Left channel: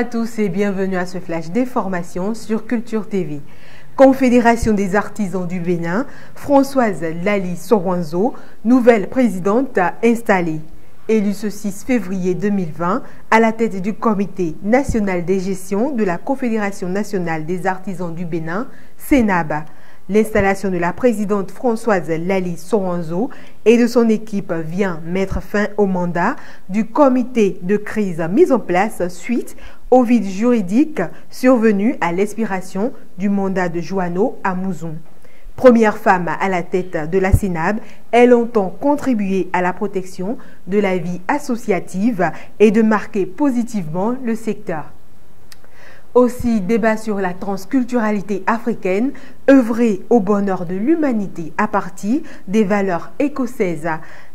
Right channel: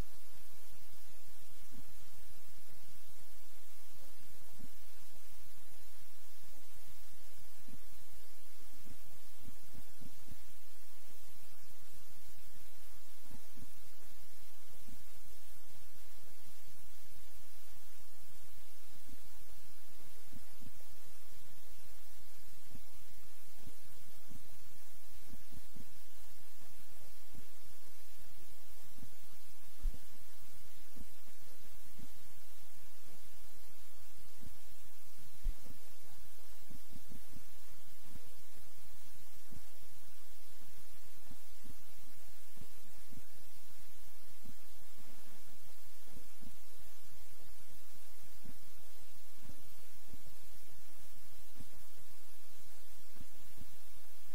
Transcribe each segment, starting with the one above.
à tous et bienvenue à ce flash d'information sur Culture TV. Confédération des artisans du Bénin, Françoise Lali Soranzo, nouvelle présidente installée. Élue ce 6 février 2020 à la tête du Comité national des gestions de la Confédération nationale des artisans du Bénin, CNAB. L'installation de la présidente Françoise Lali Soranzo et de son équipe vient mettre fin au mandat du comité de crise mis en place suite au vide juridique survenu à l'expiration du mandat de Joanneau à Mouzon. Première femme à la tête de la CNAB, elle entend contribuer à la protection de la vie associative et de marquer positivement le secteur. Aussi, débat sur la transculturalité africaine, œuvrer au bonheur de l'humanité à partir des valeurs écossaises.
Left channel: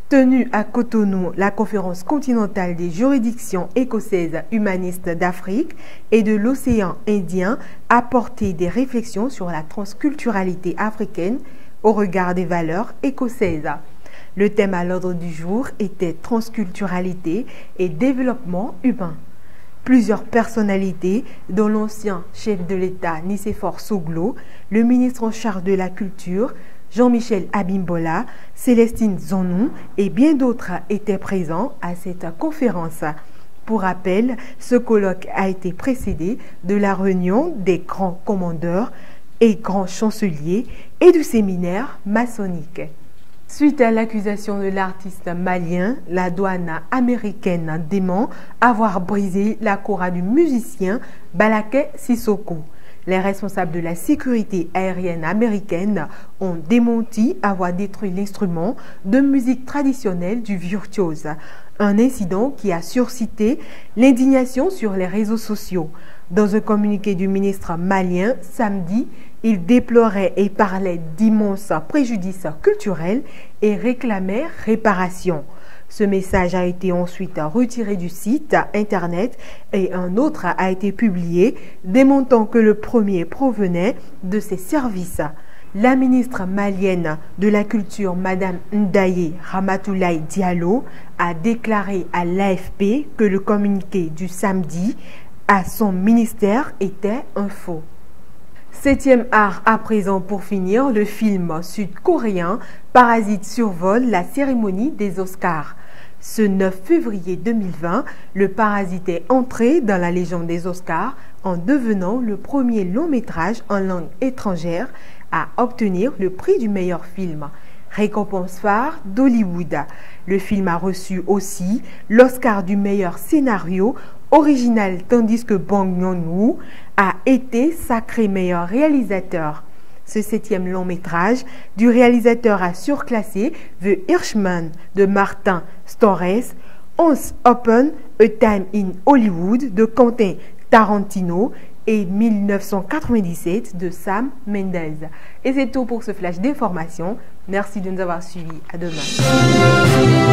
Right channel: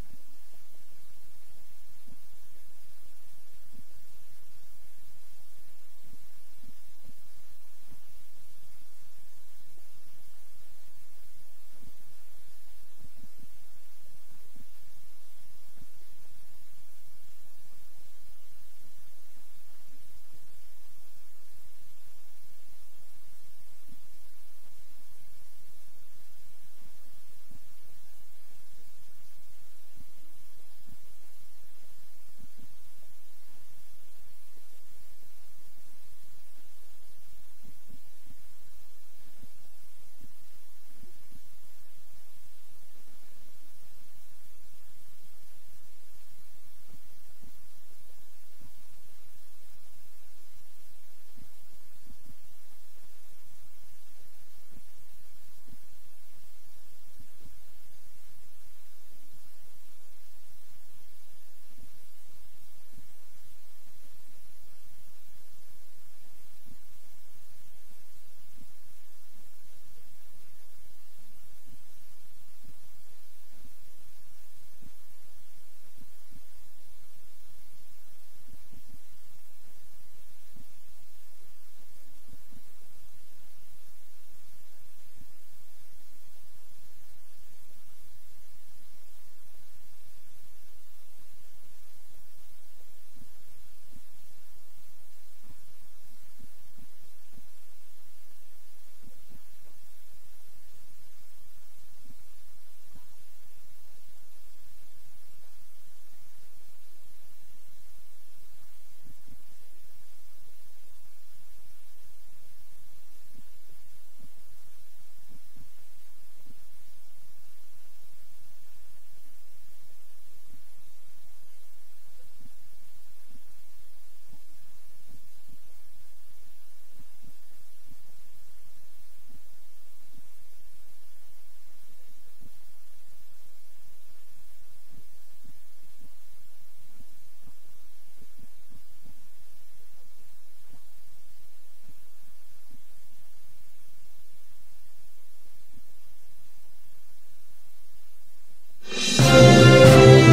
Tenue à Cotonou, la conférence continentale des juridictions écossaises humanistes d'Afrique et de l'océan Indien a porté des réflexions sur la transculturalité africaine au regard des valeurs écossaises. Le thème à l'ordre du jour était transculturalité et développement humain. Plusieurs personnalités, dont l'ancien chef de l'État Nicéphore Soglo, le ministre en charge de la Culture, Jean-Michel Abimbola, Célestine Zonou et bien d'autres étaient présents à cette conférence. Pour rappel, ce colloque a été précédé de la réunion des grands commandeurs et grands chanceliers et du séminaire maçonnique. Suite à l'accusation de l'artiste malien, la douane américaine dément avoir brisé la kora du musicien Balaké Sissoko. Les responsables de la sécurité aérienne américaine ont démenti avoir détruit l'instrument de musique traditionnelle du virtuose. Un incident qui a suscité l'indignation sur les réseaux sociaux. Dans un communiqué du ministre malien samedi, il déplorait et parlait d'immenses préjudices culturels et réclamait réparation. Ce message a été ensuite retiré du site internet et un autre a été publié démontrant que le premier provenait de ses services. La ministre malienne de la Culture, Madame Ndaye Ramatoulaye Diallo, a déclaré à l'AFP que le communiqué du samedi à son ministère était un faux. Septième art à présent pour finir, le film sud-coréen Parasite survole la cérémonie des Oscars. Ce 9 février 2020, le Parasite est entré dans la légende des Oscars en devenant le premier long métrage en langue étrangère à obtenir le prix du meilleur film, récompense phare d'Hollywood. Le film a reçu aussi l'Oscar du meilleur scénario original tandis que Bong Joon-ho a été sacré meilleur réalisateur. Ce septième long métrage du réalisateur a surclassé The Irishman de Martin Scorsese, Once Upon a Time in Hollywood de Quentin Tarantino et 1997 de Sam Mendes. Et c'est tout pour ce flash d'information. Merci de nous avoir suivis. À demain.